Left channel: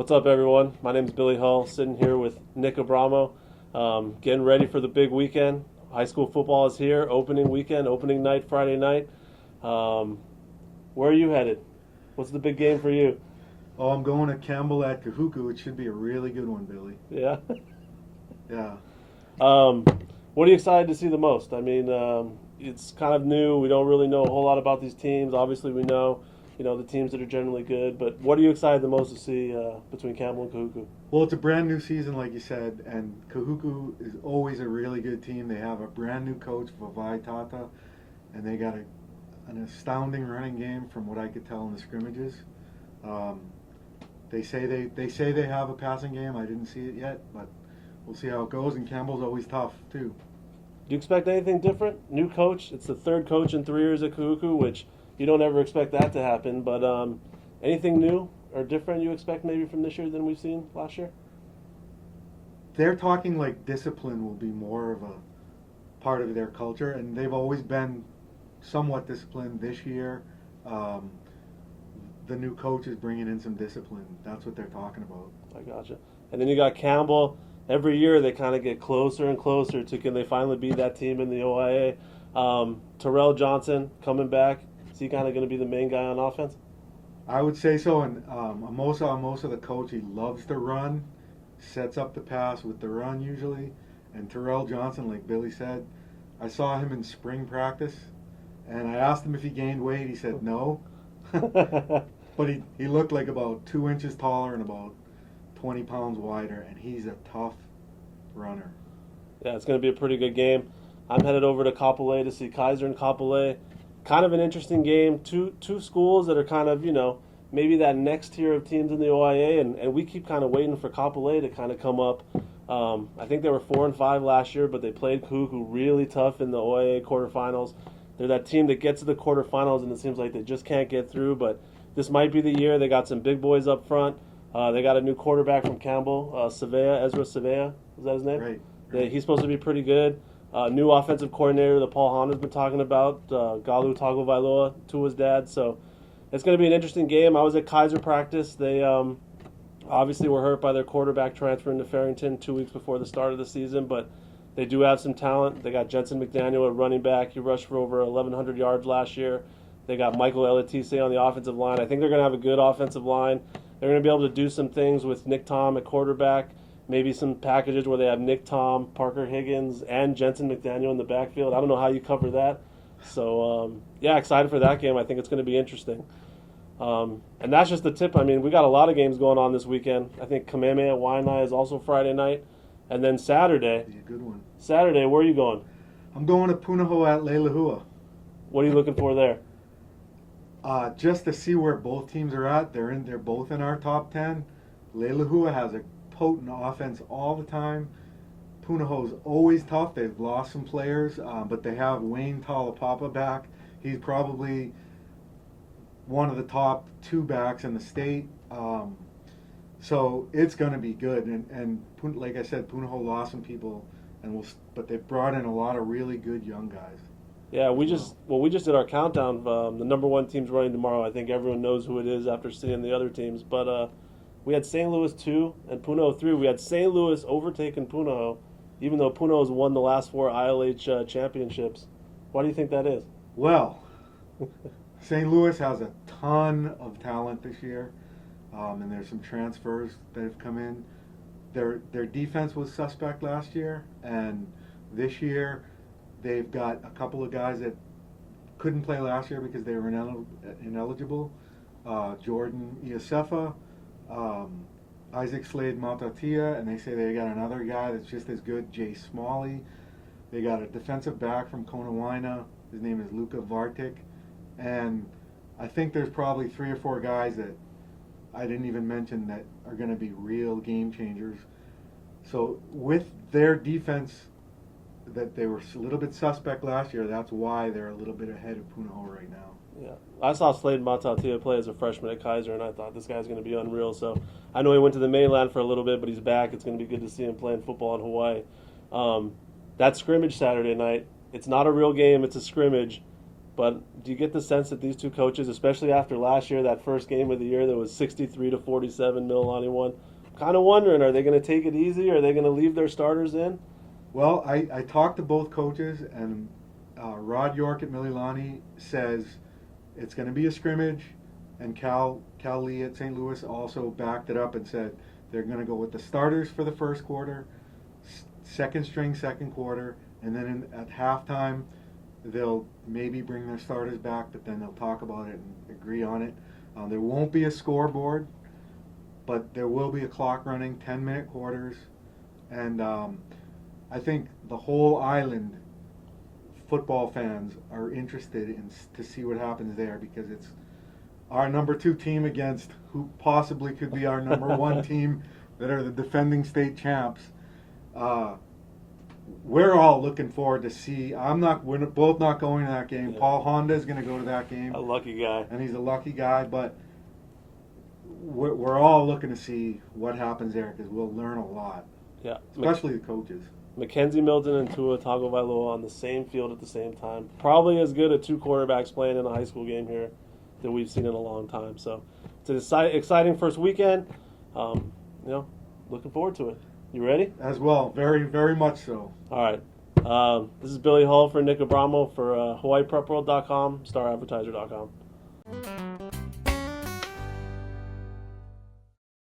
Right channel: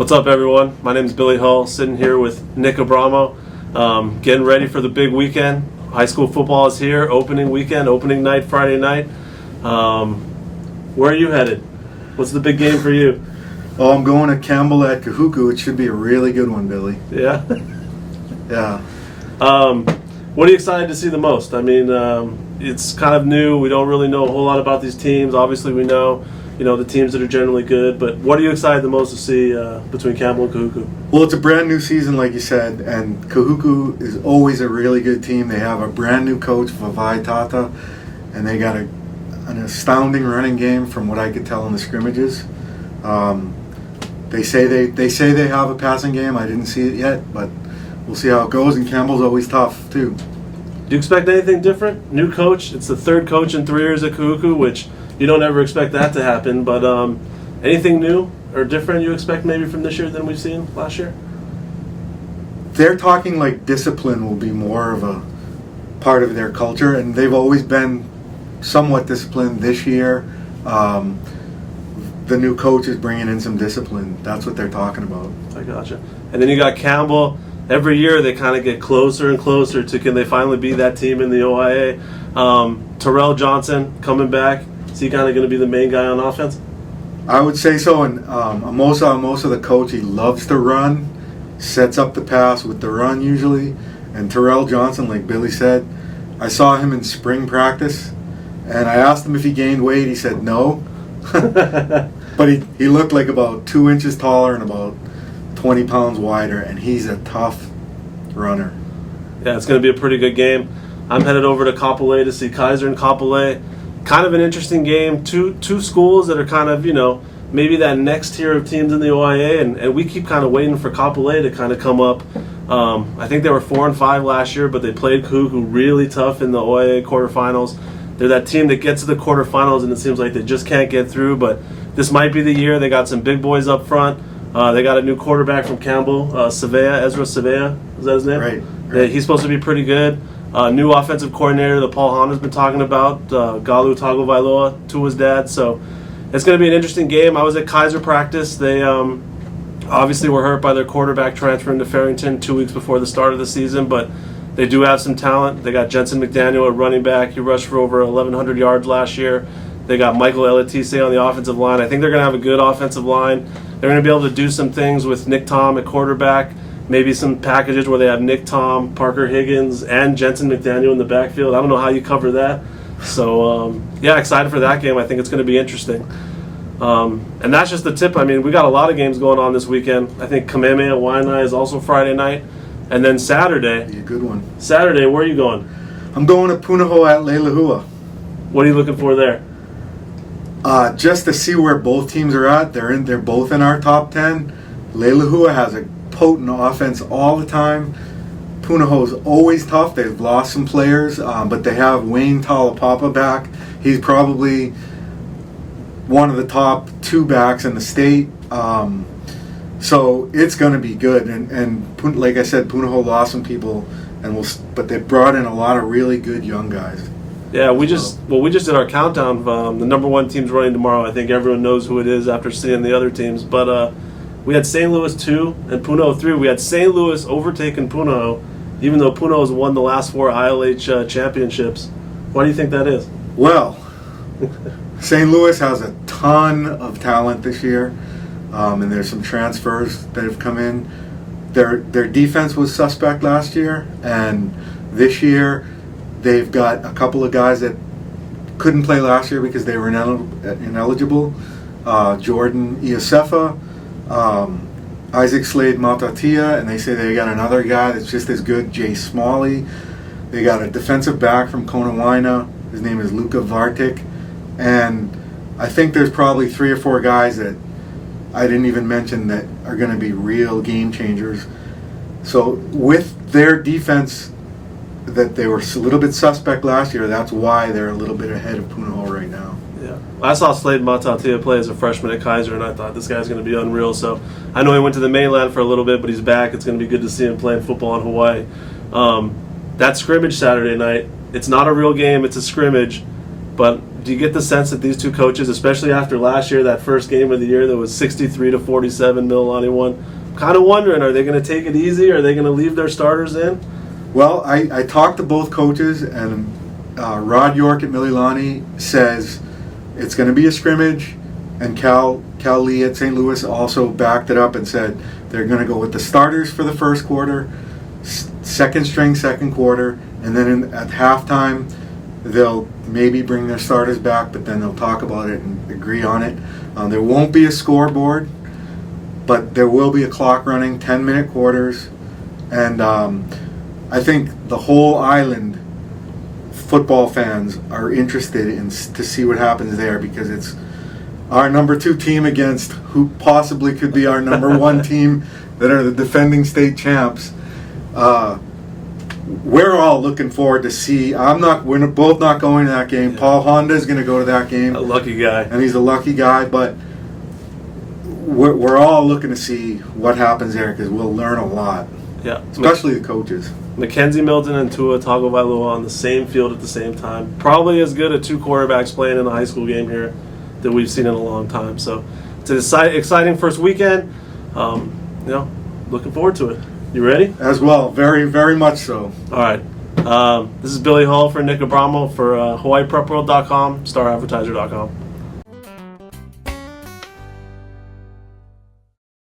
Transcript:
What's up, everyone? My name is Billy Hull, sitting here with Nick Abramo, getting ready for the big weekend. High school football is here, opening weekend, opening night, Friday night. Where are you headed? What's the big game for you? Oh, I'm going to Kapolei at Kahuku. It should be a really good one, Billy. Yeah? Yeah. What are you excited to see the most? I mean, it's kind of new. We don't really know a whole lot about these teams. Obviously, we know, the teams that are generally good. But what are you excited the most to see between Campbell and Kahuku? Well, it's a brand new season, like you said, and Kahuku is always a really good team. They have a brand new coach, Vavai Tata, and they got an astounding running game from what I could tell in the scrimmages. They say they have a passing game. I didn't see it yet, but we'll see how it goes. And Campbell's always tough too. Do you expect anything different? New coach. It's the third coach in 3 years at Kahuku, which you don't ever expect that to happen. But anything new or different you expect maybe from this year than we've seen last year? They're talking like discipline will be more of a part of their culture, and they've always been somewhat disciplined. This year, the new coach is bringing in some discipline. That's what they're talking about. I gotcha. And then you got Campbell. Every year they kind of get closer and closer to can they finally be that team in the OIA. Terrell Johnson coming back. Is he kind of going to be the main guy on offense? I would say so. And Amosa, the coach, he loves to run, sets up the pass with the run usually. And Terrell Johnson, like Billy said, I saw him in spring practice, and I asked him if he gained weight. He said no. But he looked like about 2 inches taller and about 20 pounds wider, and he's a tough runner. Yeah, it's going to be a pretty good game. I'm headed over to Kapolei to see Kaiser and Kapolei. Kind of an interesting game. Two schools that are kind of, maybe that next tier of teams in the OIA, and we keep kind of waiting for Kapolei to kind of come up. I think they were 4-5 last year, but they played Kahuku really tough in the OIA quarterfinals. They're that team that gets to the quarterfinals, and it seems like they just can't get through, but this might be the year. They got some big boys up front. They got a new quarterback from Campbell, Ezra Savea. Is that his name? Right. Yeah, he's supposed to be pretty good. New offensive coordinator that Paul Hahn has been talking about, Galu Tagovailoa, Tua's dad. So it's going to be an interesting game. I was at Kaiser practice. They obviously were hurt by their quarterback transferring to Farrington 2 weeks before the start of the season, but they do have some talent. They got Jensen McDaniel at running back. He rushed for over 1,100 yards last year. They got Michael Elatise on the offensive line. I think they're going to have a good offensive line. They're going to be able to do some things with Nick Tom at quarterback, maybe some packages where they have Nick Tom, Parker Higgins, and Jensen McDaniel in the backfield. I don't know how you cover that. So, excited for that game. I think it's going to be interesting. And that's just the tip. I mean, we got a lot of games going on this weekend. I think Kamehameha Waianae is also Friday night. And then Saturday. Be a good one. Saturday, where are you going? I'm going to Punahou at Lihue. What are you looking for there? Just to see where both teams are at. They're both in our top 10. Lihue has a potent offense all the time. Punahou is always tough. They've lost some players, but they have Wayne Talapapa back. He's probably one of the top 2 backs in the state. So it's going to be good. And like I said, Punahou lost some people, but they brought in a lot of really good young guys. Yeah, we just did our countdown. The number 1 team's running tomorrow. I think everyone knows who it is after seeing the other teams. But we had St. Louis 2 and Punahou 3. We had St. Louis overtaking Punahou, even though Punahou has won the last 4 ILH championships. Why do you think that is? Well, St. Louis has a ton of talent this year, and there's some transfers that have come in. Their defense was suspect last year, and this year they've got a couple of guys that couldn't play last year because they were ineligible. Jordan Iosefa, Isaac Slade Matatia, and they say they got another guy that's just as good, Jay Smalley. They got a defensive back from Konawaina. His name is Luka Vartik. And I think there's probably 3 or 4 guys that I didn't even mention that are going to be real game changers. So with their defense, that they were a little bit suspect last year, that's why they're a little bit ahead of Punahou right now. Yeah, I saw Slade Matatia play as a freshman at Kaiser, and I thought this guy's going to be unreal. So I know he went to the mainland for a little bit, but he's back. It's going to be good to see him playing football in Hawaii. That scrimmage Saturday night, it's not a real game, it's a scrimmage, but do you get the sense that these two coaches, especially after last year, that first game of the year that was 63-47, Mililani won, kind of wondering, are they going to take it easy? Are they going to leave their starters in? Well, I talked to both coaches, and Rod York at Mililani says it's going to be a scrimmage, and Cal Lee at St. Louis also backed it up and said they're going to go with the starters for the first quarter, second string second quarter, and then at halftime they'll maybe bring their starters back, but then they'll talk about it and agree on it. There won't be a scoreboard, but there will be a clock running, 10-minute quarters, and I think the whole island football fans are interested to see what happens there, because it's our number 2 team against who possibly could be our number 1 team that are the defending state champs. We're all looking forward to see. We're both not going to that game. Yeah. Paul Honda is going to go to that game. A lucky guy. And he's a lucky guy, but we're all looking to see what happens there, because we'll learn a lot. Yeah. Especially the coaches. Mackenzie Milton and Tua Tagovailoa on the same field at the same time. Probably as good as 2 quarterbacks playing in a high school game here that we've seen in a long time. So it's an exciting first weekend. Looking forward to it. You ready? As well, very, very much so. All right. This is Billy Hall for Nick Abramo for HawaiiPrepWorld.com, Star-Advertiser.com.